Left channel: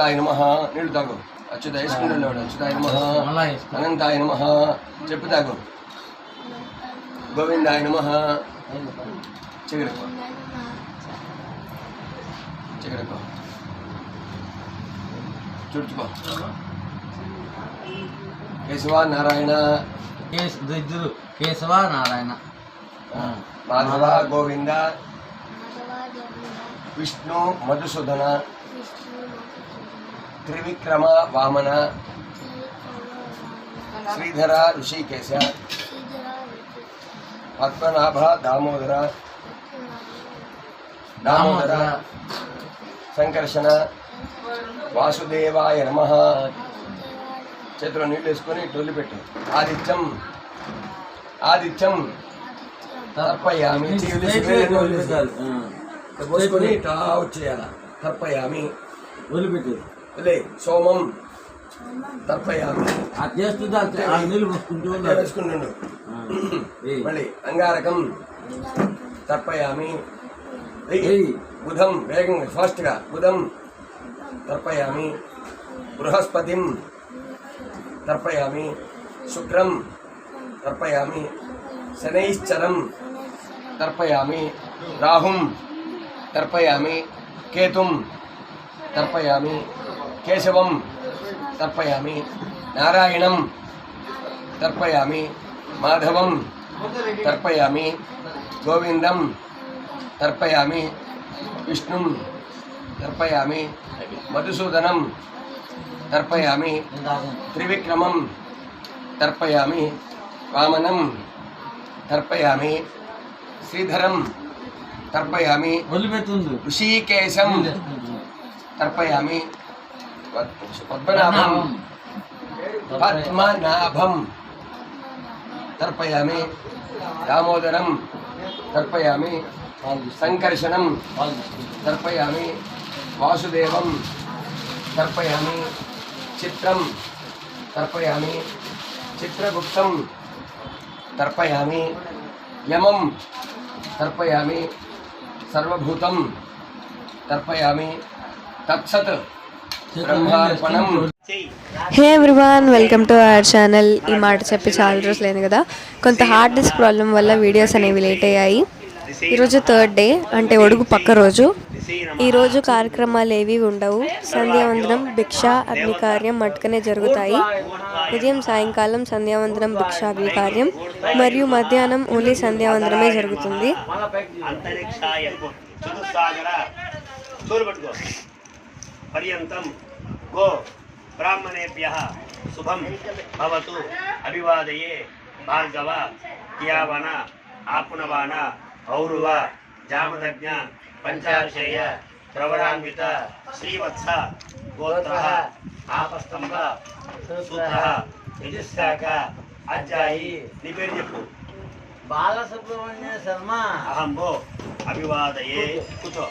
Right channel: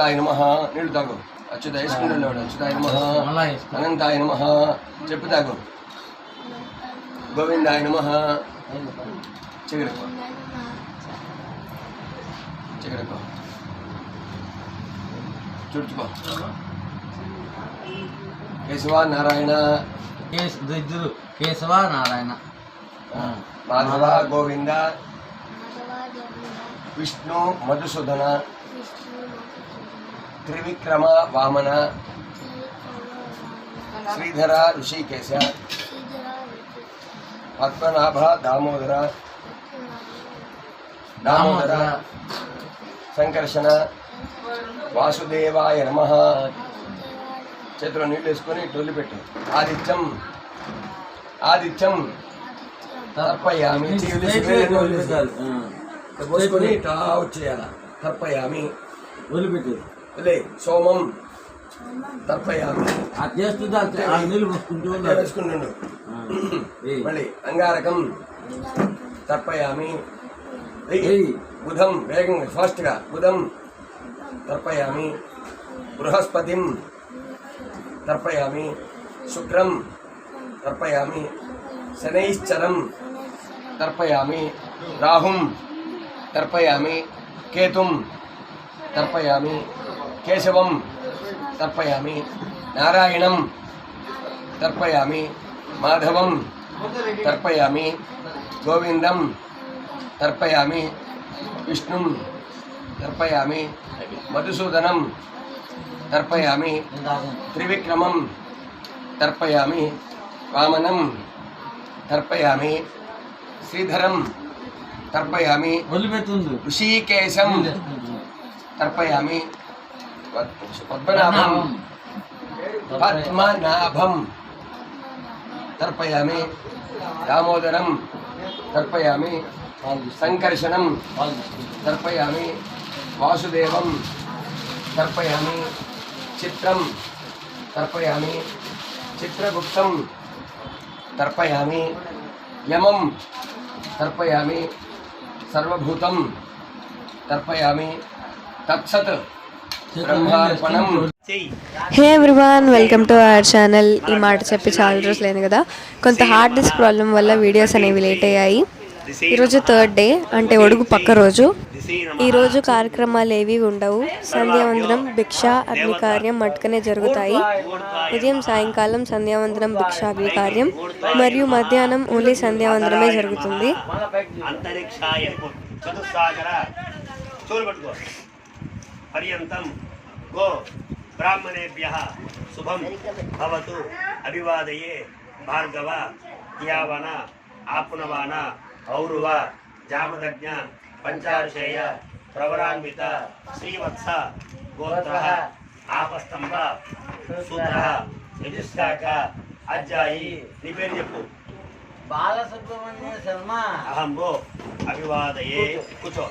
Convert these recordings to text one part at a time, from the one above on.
అచ్యుతాయ నమః నీళ్ళు తాగు అచ్యుత వేసుకుంటున్నాడు అచ్యుతాయ నమః అనంతాయ నమః చెప్పు తాగు గోవిందాయ నమః చెగడుకో చెగడుకో చుడుచుకో కేశవ నారాయణ కేశవ నారాయణ మాధవ గోవింద విష్ణు మధుసూదన త్రివిక్రమ వామన శ్రీధర ఋషికేశ పద్మనాభ దామోదర దామోదర సంకర్షణ వాసుదేవాయ నమః చేతిలో నీళ్ళు వేసుకొని టొల్లి పెట్టు ఆదిత్యం ఆదిత్యం తర్పయామి పోసుకొని ఇట్లా వచ్చేయాల తర్పయామి వదిలిపెట్టు లే సోమం తర్పయామి వేసుకుంటుండు మళ్ళీ అంగారకం తర్పయామి బుధం వేగంగా ఫాస్ట్గా బుధం తర్పయామి బృహస్పతిం తర్పయామి శుక్రం తర్పయామి శనైశ్చరం తర్పయామి రాహుం తర్పయామి కేతుం తర్పయామి కేశవం తర్పయామి నారాయణం తర్పయామి మాధవం తర్పయామి గోవిందం తర్పయామి విష్ణుం తర్పయామి మధుసూదనం తర్పయామి త్రివిక్రమం తర్పయామి వామనం తర్పయామి శ్రీధరం తర్పయామి ఋషికేశం తర్పయామి పద్మనాభం పద్మనాభం తర్పయామి దామోదరం తర్పయామి సంకర్షణం తర్పయామి వాసుదేవం తర్పయామి చిత్రం తర్పయామి చిత్రగుప్తం తర్పయామి యమం తర్పయామి సర్వభూతం తర్పయామి తత్సత్ బ్రహ్మార్పణం. Hey everyone, welcome to our channel. ఈ మాట చెప్పి చాలా రోజులైంది కదా, కొంత హార్డ్ డిస్క్ ప్రాబ్లం వల్ల వీడియోస్ అనేవి లేట్ అయ్యాయి. ఈరోజు థర్డ్ డే, అంటే ఒడుగు పక్క రోజు. ఈరోజు కార్యక్రమాలు ఏవి ఉండవు. సంధ్యావందనం, భిక్ష, అగ్నికార్యం మట్టుకనే జరుగుతాయి. ఉదయం సాయంకాలం సంధ్యావందనం, భిక్ష, అగ్నికార్యం మరియు మధ్యాహ్నం ఓన్లీ సంధ్యావందనమే జరుగుతుంది. पर्यंतम गो ब्राह्मणेभ्यः शुभम भवतु अभिवादये भार्गव यावन आपनवान औरुव जामदज्ञ पंचार्षेय प्रवरान्वित श्रीवत्स गोत्रः आपस्तंभ सूत्रः यजुस्ताक अज्जायी निपेर्यपु बालसुब्रह्मण्य शर्मा अहं वो अभिवादये कुछो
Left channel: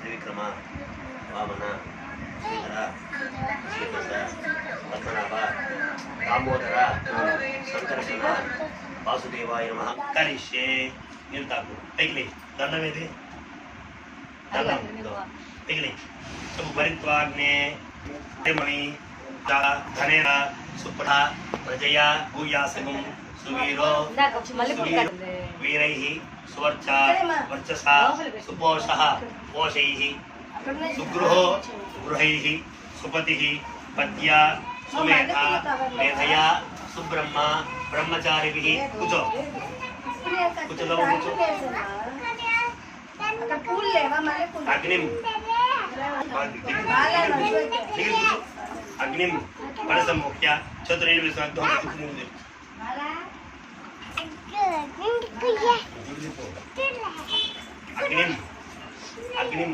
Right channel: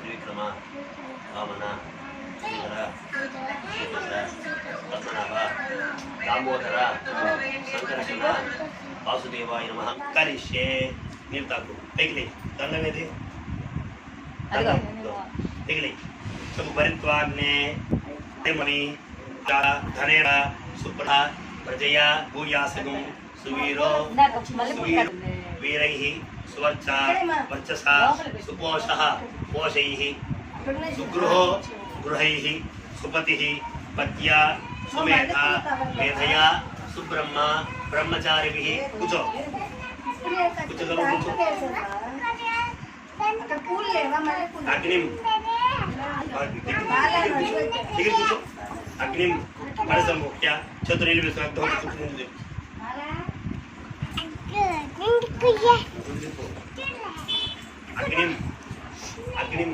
त्रिविक्रम वामन श्रीधर पद्मनाभ दामोदर संकर्षण वासुदेवाय नमः करिष्ये निल्ताकु तैले दंडमेदि दंडम तैले सब भरित्वाग्ने मणि धनेन सुपड़ा प्रजया भूयासगुं सुवीरो वीरैः सुवर्च वर्चसा सुपोषः पोषैः सुगृहो गृहैः सुपतिः पत्या सुमेधा मेधया सुब्रह्म ब्रह्मचारिभिः कुचो कुचो अग्निं अग्निं मनसंमुख्य चतुर्विंशतिः अग्निं अग्निं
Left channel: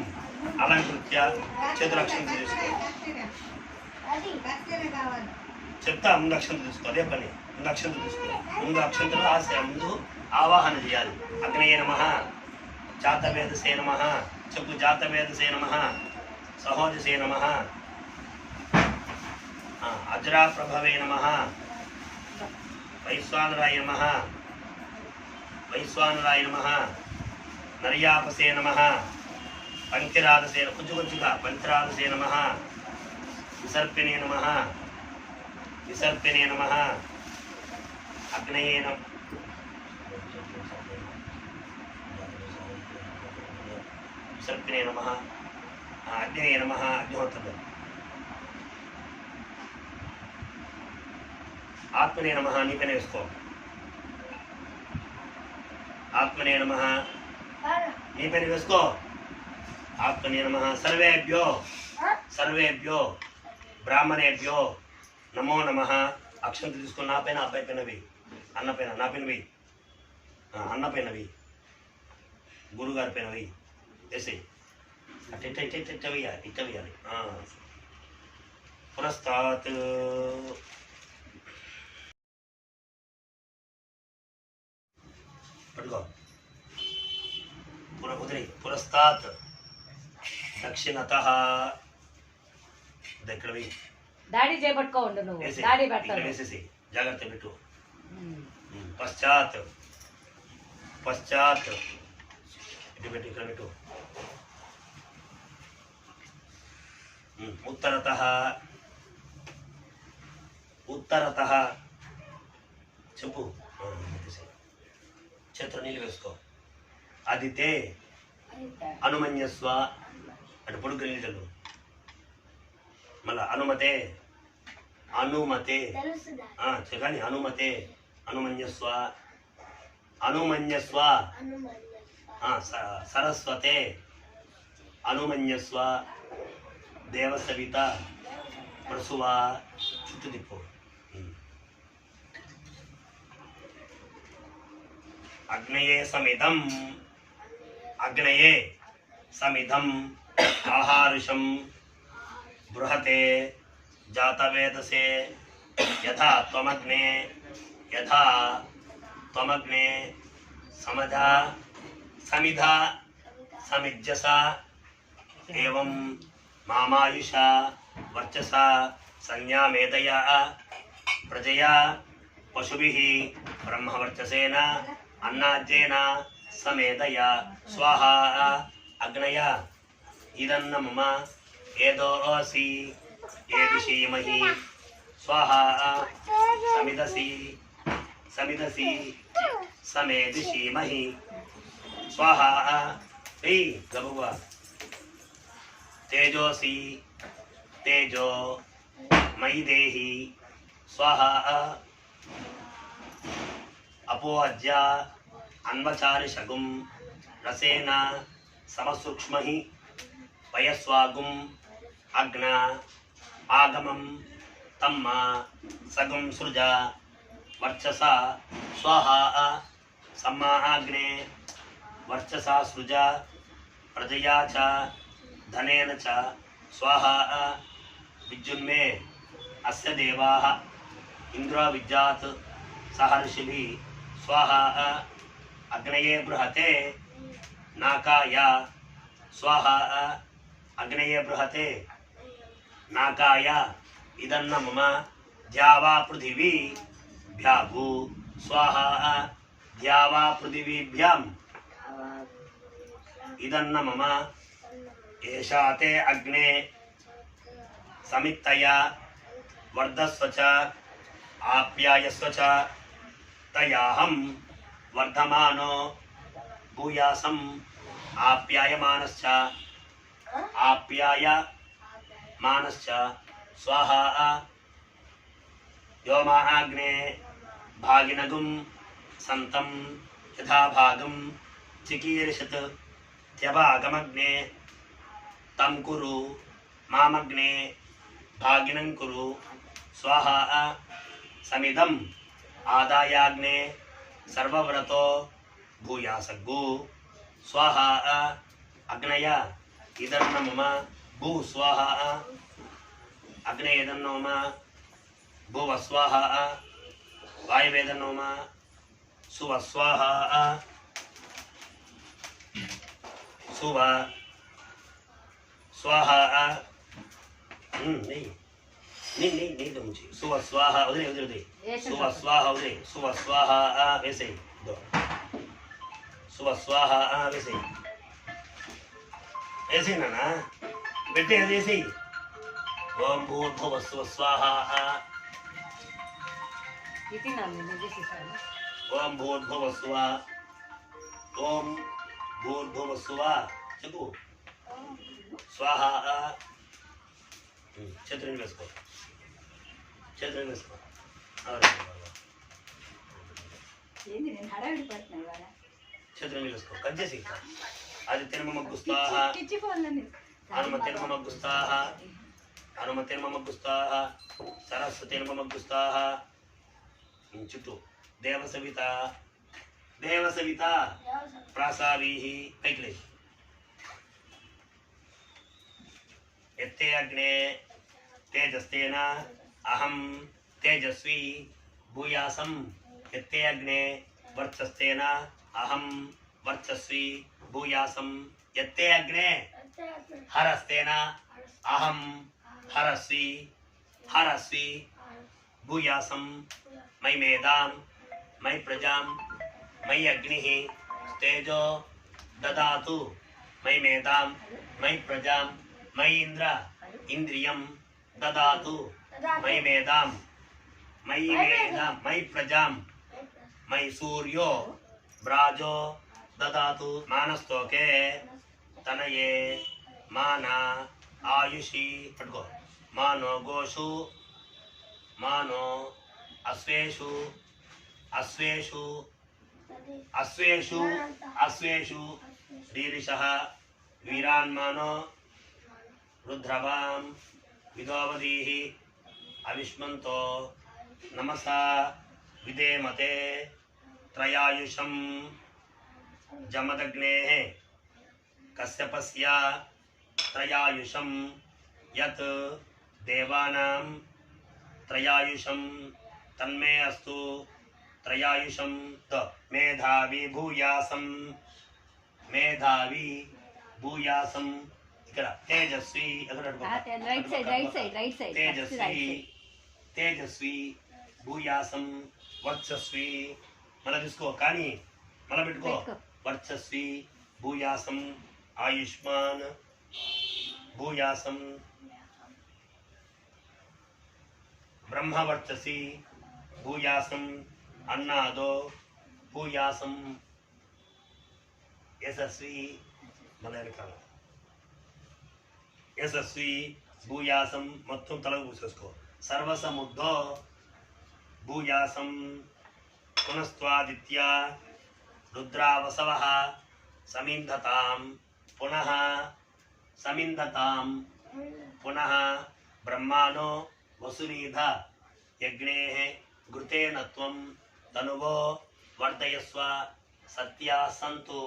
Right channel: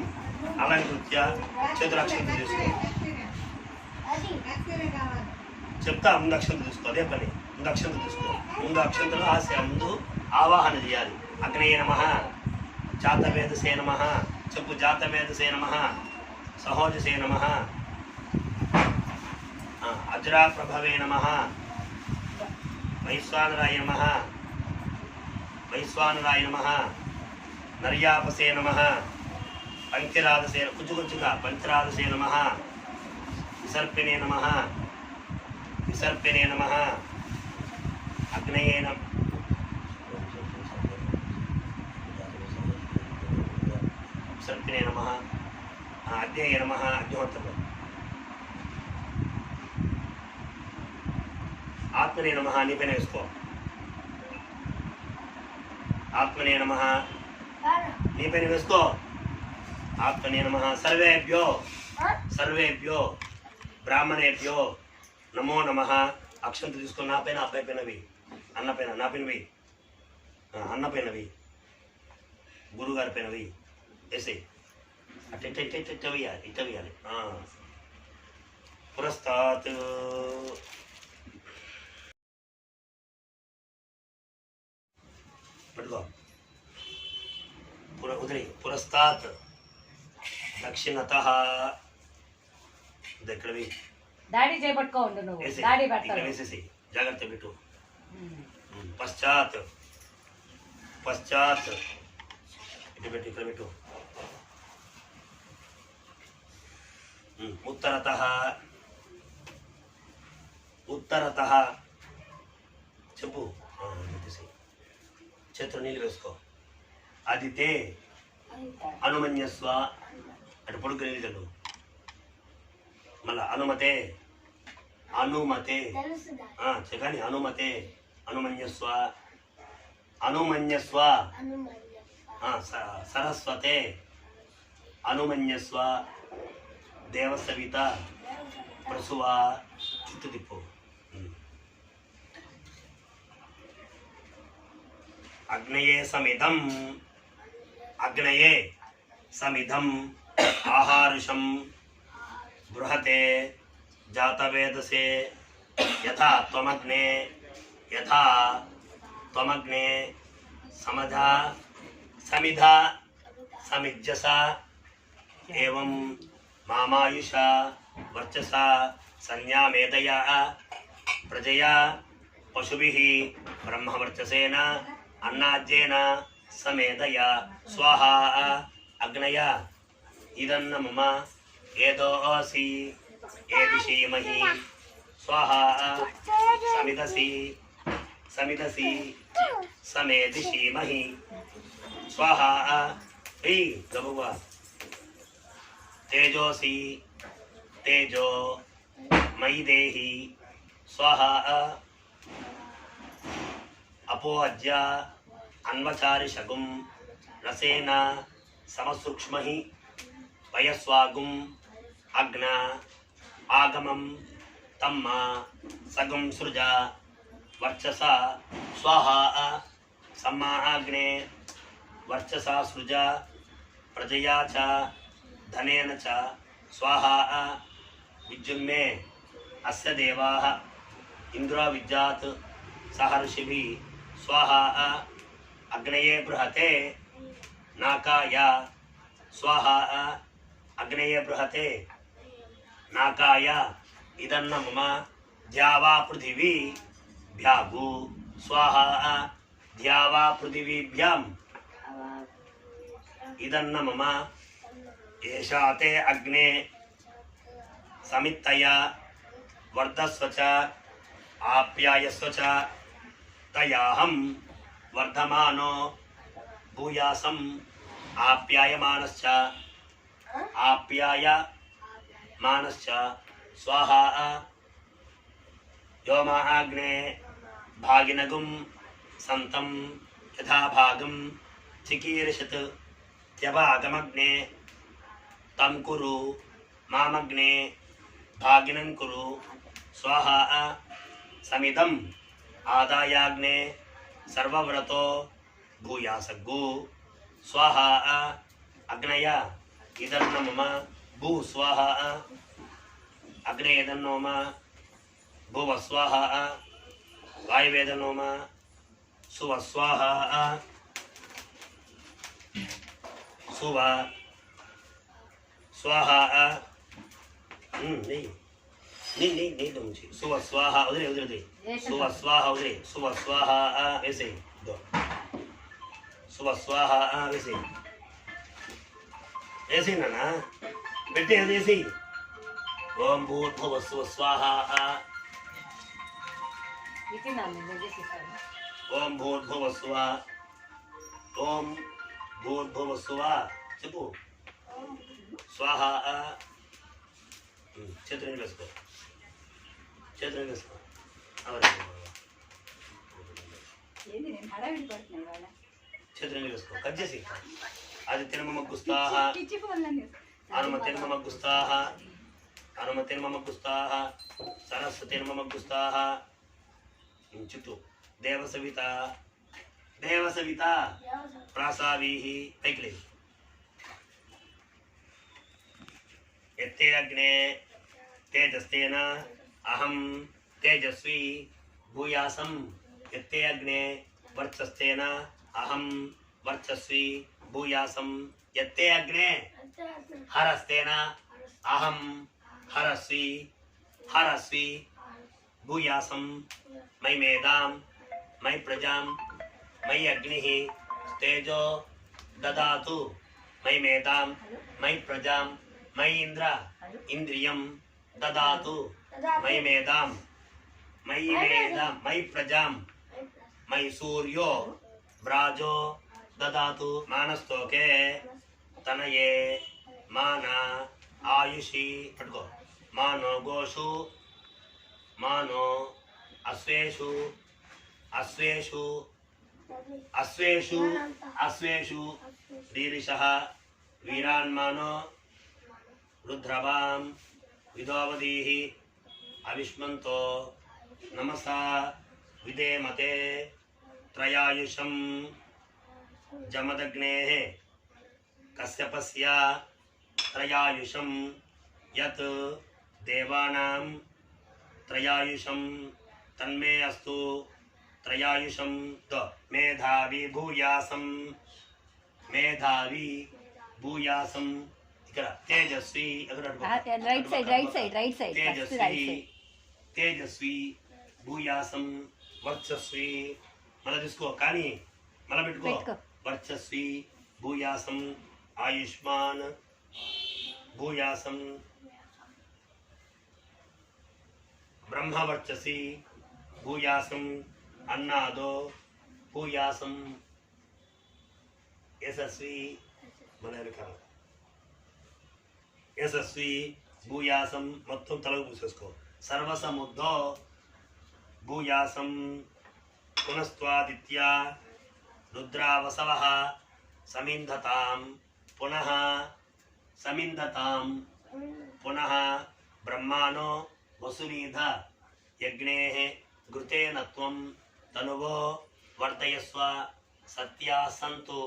अलंकृत्य चतुरक्षं చెప్తా ముందు అక్షంత తీసుకో అదే పని ముందు అక్షంత తీసుకో ముందు అక్షంతలు ముందు ఆవాహన చేయాలి అగ్నేయ నమః జాతవేదసే నమః చెప్పు జాతవేదసే నమః సహోదసే నమః అజ్రా ప్రభవే నమః వైశ్వానరాయ నమః వైశ్వానరాయ నమః నర్యాపసే నమః పంచరాదసే కొంచెంగా పంచరాదసే నమః విసర్పిణే నమః విసర్పిణే నమః అగ్నయే నమః విసర్పిణే నమః అగ్నయే నమః అగ్నిహోత్రం ఆత్మనే నమః నీ పైన వేసుకో ఆత్మనే నమః నీ పైన వేసుకో ఆత్మనే నమః సర్వేభ్యో సర్వేభ్యో బ్రాహ్మణేభ్యో నమో నమః అక్షంత తీసుకుని నా పైన అబ్బాయి పైన వెయ్యి అన్న పైన నా పైన వెయ్యి అన్న పైన వెయ్యి గురుగారి పైన వెయ్యి వేసేయి అట్ట ఇట్ట ఇట్ట ఇట్ట వేయాలి ఇట్ట వేయాలి పురస్తాత్ పట్టుకో ఉదరి పురస్తాత్ దక్షిణతః దగ్గర డాడీ చేపట్టుకో ఉండు నువ్వు డాడీ పెడతాడు వేసేసి జాగ్రత్త పెట్టు పశ్చాత్ పశ్చాత్ ఇటు పెట్టు ఇక్కడ పెట్టు ఉత్తరతః ఉత్తరతః చెప్పు చేతులు నీళ్ళు వేసుకో అదితే అనుమన్యస్వ అటు పొడుగు నీళ్ళు చల్లు మళ్ళా అనుమతే అనుమతే కానీ అనుమతే అనుమన్యస్వ అనుమన్యస్వ సరస్వతే అనుమన్యస్వ దేవసవిత ప్రసువ చుట్టూ తిప్పు అగ్నయే సమిధం అగ్నయే సమిధం ఆహారుషం బృహతే జాతవేదసే యథా త్వమగ్నే సమధా సమిధా సమిజ్జసా ఏవం మామాయుషా వర్చసా సంజ్ఞామేదయా ప్రజయా పశుభిః బ్రహ్మవర్చసేన అన్నాజ్యేన సమేదయా స్వాహా అగ్నయ ఇదన్న మమ ఏదోసి ఏదిషీమహి స్వాహా సమిదసి సమిదసి సమేదిషీమహి స్వాహా హ్రీ గబువ తేజోసి తేజో మయి దేహి స్వాహా అపోజ్య అన్వచారి శగుం రసేన సమసూక్ష్మహి వయస్వాగుం అగ్న ఆగమం తమ్మ సగుం సృజ వర్చస స్వాహా సమ్మాగ్నే వర్చసా సృజ ప్రజయా చ ధనేన చ స్వాహా విద్యున్మే అస్య దేవాః ఇంద్రో విద్యాత్ సహర్షిభిః స్వాహా అగ్నయే బృహతే నాకాయ స్వాహా అగ్నయే బృహతే నాకాయ ఇదన్న మమ ద్యావా పృథివీ భ్యాభూ స్వాహా ద్యావా పృథివీభ్యాం ఇదన్న మమ ఏషా తే అగ్నే సమిత్తయ వర్ధస్వ చ ఆప్యాయస్వ చ తయాహం వర్ధమానో భూయాసం ఆప్యాయమానశ్చ ఆప్యాయమానశ్చ స్వాహా వ్యోమాగ్నే భాగినగుం సంతం యథా భాగం చికీర్షత్ త్యభాగమగ్నే తం కురు మామగ్నే భాగినం కురు స్వాహా సమిదం ఆదాయాగ్నే సర్వవ్రతో భూయాసగ్గు స్వాహా అగ్నయ ఇదన్న మమ భూ స్వాహా అగ్నే ఇదన్నో మమ భువ స్వాహా వాయువేదన్నో మమ సువ స్వాహా సువ స్వాహా నీళ్ళు ఉంచి సువ స్వాహ వదిలే సువ స్వాహ వదిలే సువ స్వాహ వేసే శుభ స్వాహ వేసి వేసి నాన్న పెట్టి వేసి ఓం భూర్భువ శుభ స్వాహ ఇది నన్ను నిజేసిస్తాను. ఓం భూర్భువ స్వ ఓం భూర్భువ స్వ చెప్పు స్వాహ చేతులని వేసుకో చేతులని వేసుకో చేతులని వేసుకో కట్ చేసి అది తిరుమమగ్గుస్తాహ హనుమ తిరుమమగ్గుస్తాహ హనుమ తిరుమమగ్గుస్తాహ సరస్వతిర్మమగ్గుస్తాహ చుట్టూ దేవసవిత దేవసవిత ప్రాసావీహి పైకి లేదు ఎత్తే అగ్నే తేజస్తేన అహం తేజస్వి భూయాసం ఎత్తే అగ్నే వర్చస్తేన అహం వర్చస్వి భూయాసం ఎత్తే అగ్నే హరస్తేన అహం హరస్వి హరస్వి భూయాసం మై మేధాం మై ప్రజాం మై అగ్ని తేజో దదాతు మై మేధాం మై ప్రజాం మై ఇంద్ర ఇంద్రియం దదాతు మై మేధాం మై ప్రజాం మై సూర్యో బ్రాజో దదాతు మానస్తోకే తనయే మాన ఆయుషి పట్టుకో మానో గోషు మానో అశ్వేషు అశ్వేషు అశ్వేషు అశ్వేషు రీరిషః వీరాన్మానో రుద్రవాం విదోవదీః అవిష్మంతో నమసా విదేమతే త్రయాయుషం జమదగ్నేః కశ్యపస్య త్రయాయుషం యత్ దేవానాం త్రయాయుషం తన్మే అస్తు త్రయాయుషం మేధావి భూయాసం మేధావి భూయాసం ఇక్కడ తేజస్వి రైట్ సైడ్ తేజస్వి తేజస్వి భూయాసం వర్చస్వి మళ్ళీ తీసుకో కానీ మళ్ళీ పెట్టుకో వర్చస్వి భూయాసం ఆయుష్మాన్ భూయాసం బ్రహ్మవర్చసి భూయాసం అన్నాదో భూయాసం యశస్వి మలయాళం యశస్వి భూయాసం మొత్తం తలకు పూసేసుకో సర్వసముద్ధో భూయాసం పునస్త్వాదిత్య రుద్రావసవః సమింధతాం పునః సమింధతాం పునః బ్రహ్మాణో వసునీధ యజ్ఞేః ఘృతేన త్వం తనువో వర్ధయస్వ సత్యా సంతు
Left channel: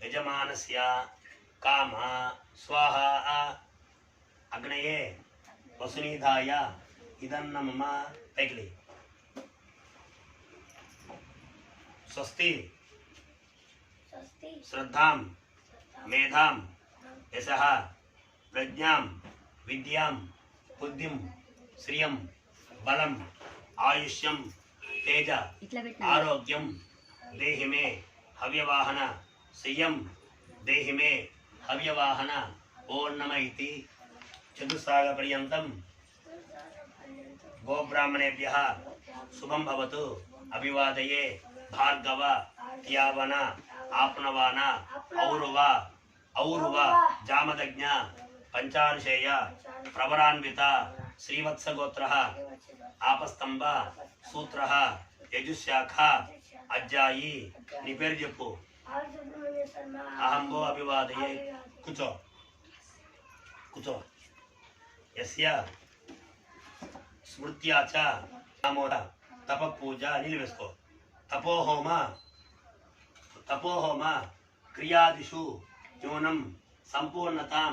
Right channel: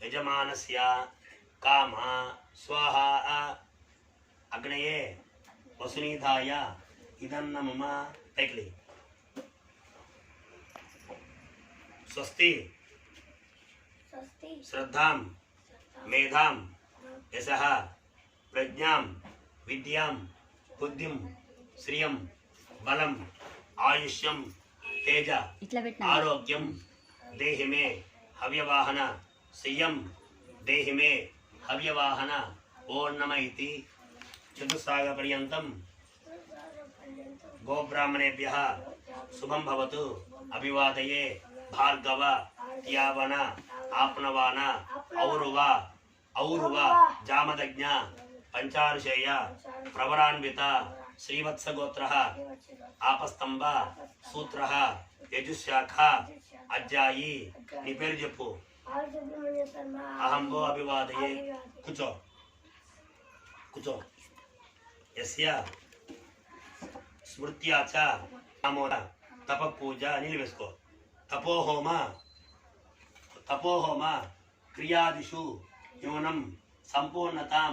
యజమానస్య కామ స్వాహా అగ్నయే వసునీధాయ ఇదన్న మమ తైక్లి స్వస్తి శ్రద్ధాం మేధాం యశః ప్రజ్ఞాం విద్యాం బుద్ధిం శ్రియం బలం ఆయుష్యం తేజ ఆరోగ్యం దేహి మే హవ్యవాహన శ్రియం దేహి మే హవ్యవాహన ఓం నమ ఇతి చతుస్సాగ పర్యంతం గోబ్రాహ్మణేభ్యః శుభం భవతు అభివాదయే భార్గవ యావన ఆప్నవాన ఔరువ ఔరువ జామదజ్ఞ పంచార్షేయ ప్రవరాన్విత శ్రీవత్సగోత్రః ఆపస్తంభ సూత్రః యజుశాఖ అజ్జాయి నీ పేరు చెప్పు అహంగో అభివాదయే కూర్చో కూర్చో యస్య స్మృత్యా చ నామోన తప పూజ నీళ్ళు వేసుకో తపోహోమ క్రియాదిషు న్యూనం సంపూర్ణతాం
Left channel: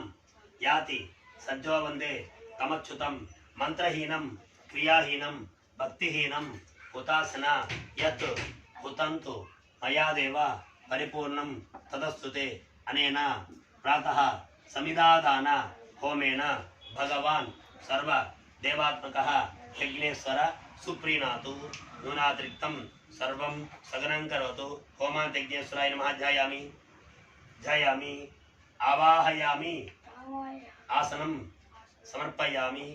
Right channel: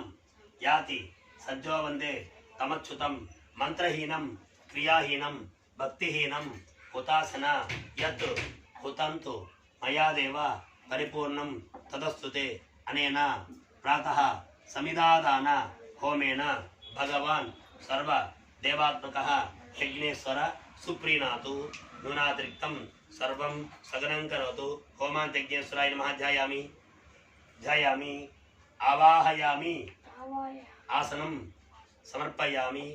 యాతి సజ్జో వందే తమచ్యుతం మంత్రహీనం క్రియాహీనం భక్తిహీనం హుతాసన యత్ హుతంతు మయాదేవ పరిపూర్ణం తదస్తుతే అనేన ప్రాతః సమిదాదాన హోమేన భగవాన్ సర్వ దేవాత్మకః యజ్ఞేశ్వర सुप्रीणातु न्यूनातिरिक्तं सर्वं सगनं करोतु होमान्त्यज्ञेश्वराय नमः ध्यायामि ध्यायामि आवाहयामि आसनं समर्पयामि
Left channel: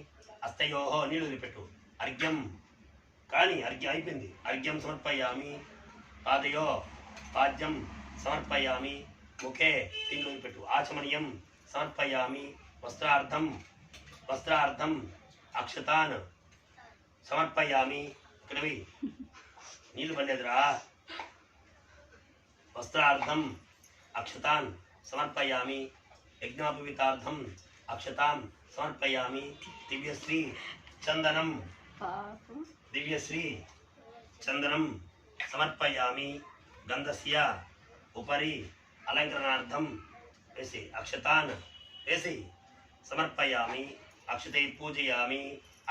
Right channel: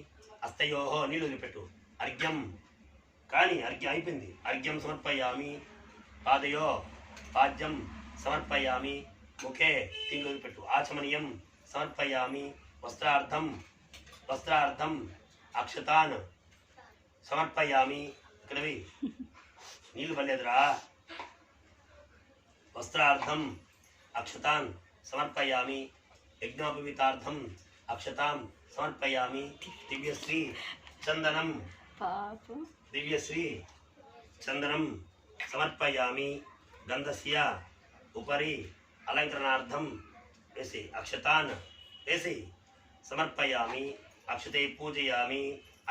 हस्तयोः नीलुलिपेट्टु अर्घ्यं కానీ అర్ఘ్యం అయిపోయింది అర్ఘ్యం సమర్పయామి పాదయో పాద్యం సమర్పయామి ముఖే తిండి పెట్టు ఆచమనీయం సమర్పయామి వస్త్రార్థం అక్షతాన్ సమర్పయామి ఇక్కడవి నీళ్ళు పడలేదురా వస్త్రార్థం అక్షతాన్ సమర్పయామి యజ్ఞోపవీతార్థం అక్షతాం సమర్పయామి దివ్యశ్రీ చందనం दिव्यश्री चंदनं समर्पयामि गंधस्य उपरि अलंकरणार्थं ऐसे अक्षतान् ऐसे समर्पयामि अक्षते पूजयामि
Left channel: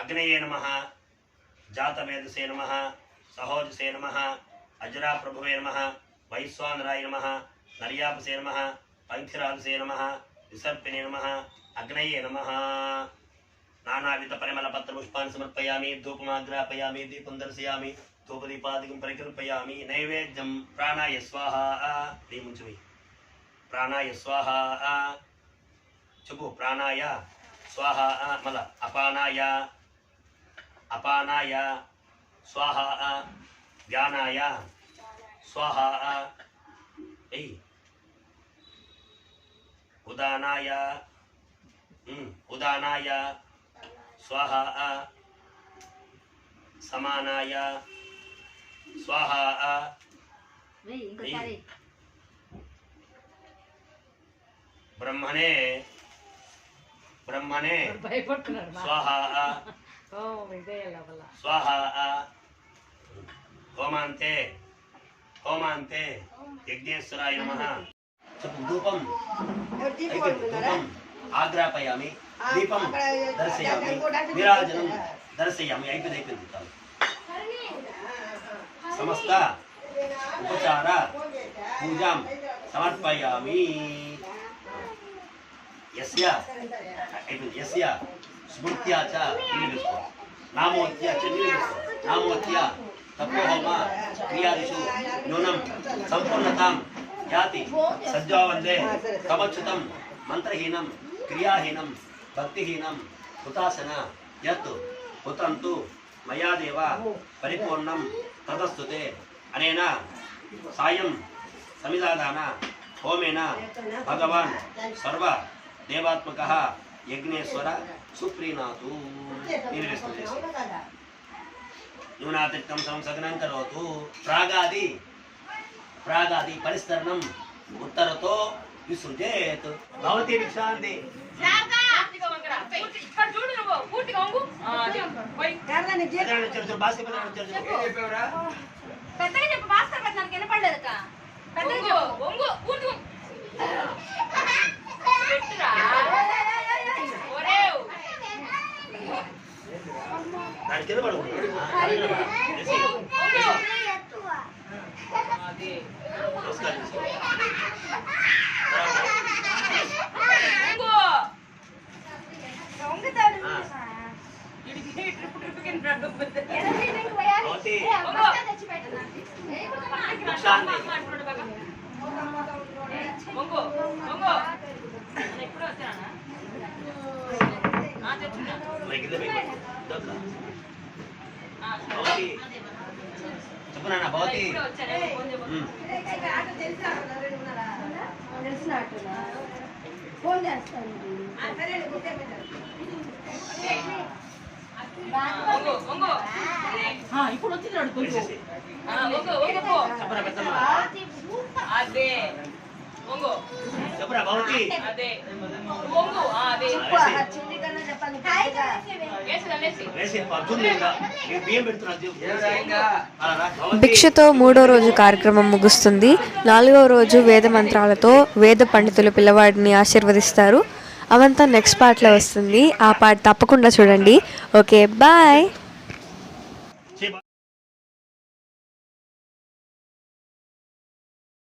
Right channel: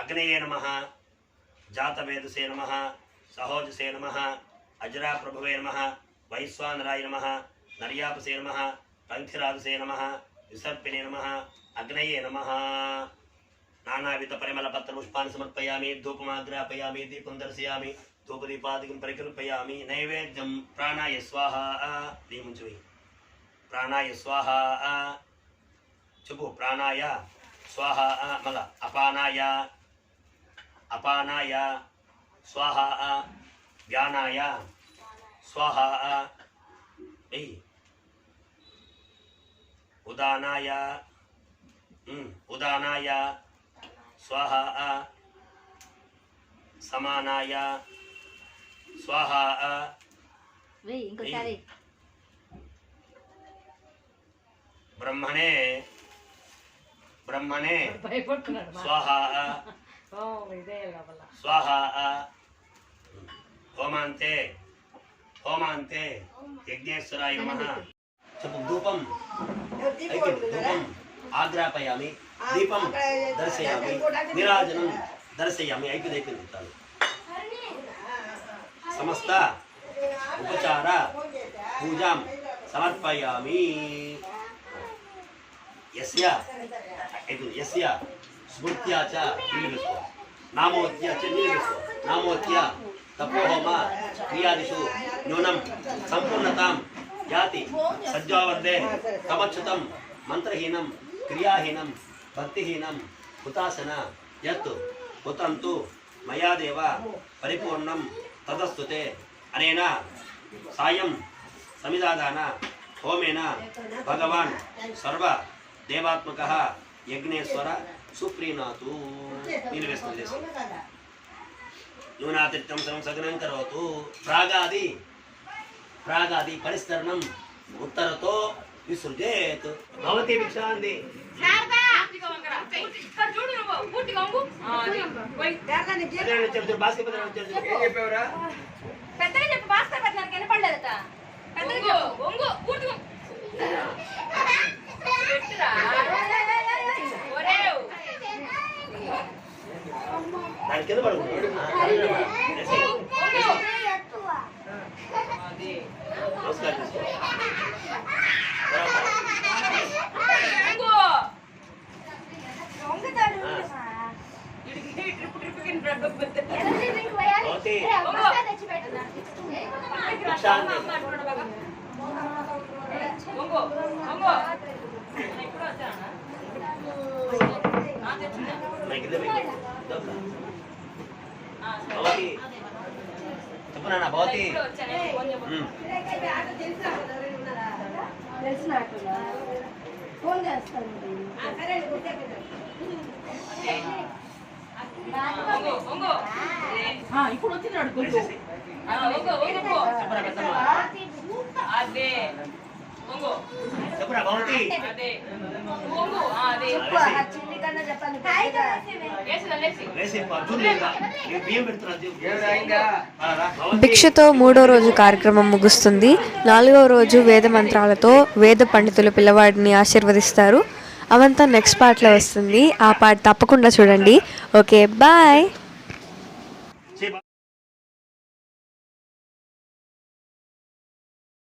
अग्नये नमः जातवेदसे नमः सहोजसे नमः अजराप्रभवे नमः वैश्वानराय नमः नर्यापसे नमः पंथिराजसे नमः विसर्पिणे नमः अग्नये नमः नानाविध परिमल पत्र पुष्पान् समर्पयामि धूपमाग्रापयामि दीपं दर्शयामि धूपदीपादिकं परिकल्पयामि नैवेद्यं प्राणाय स्वाहा दीमुंचुई प्राणाय स्वाहा चुपु प्राणाय स्वाहा मल अपानाय स्वाहा ज्ञानाय स्वाहा उदानाय स्वाहा समानाय स्वाहा ब्रह्मणे स्वाहा स्वाहा होमान्ते यज्ञेश्वराय नमः धूपं आग्रापयामि दीपं दर्शयामि निराजनं दर्शयामि అయిపోయింది చాలు సమస్త ఉపచార పూజాం సమర్పయామి యస్య అయిపోయింది యస్య స్మృత్యా చ నిలివేసుకో నామోత్య చ నిలివేసుకో నామోత్య తపోహోమ క్రియాదిషు న్యూనం సంపూర్ణతాం యాతి సజ్జావందే తమచ్యుతం మంత్రహీనం క్రియాహీనం భక్తిహీనం హుతాసన యత్ హుతంతు మయాదేవ పరిపూర్ణం తదస్తుతే అనేన సాయం సమిదాదాన హోమేన భగవాన్ సర్వ దేవాత్మకః యజ్ఞేశ్వర సుప్రీణాతు నీళ్ళు వేసుకుని న్యూనాతిరిక్తం సంసగ్నం కరోతు ప్రాగాది పరిస్తరణం ఉత్తరతో విసృజేత్ భవతి విక్షాంది చెప్పనా భవతి ఫోన్ చేస్తాను ఇప్పుడు వచ్చింది అదే చెప్పరా భవతి అదే భిక్షతో 3వ రోజు కార్యక్రమం ముగుస్తుంది. 4వ రోజు వేద మంత్రాలతో వేద పండితులు పిల్లవాడిని ఆశీర్వదిస్తారు. అవంతా నెక్స్ట్ పార్ట్లో వస్తుంది. ఆ పార్ట్ తప్పకుండా చూడండి. Okay, bye.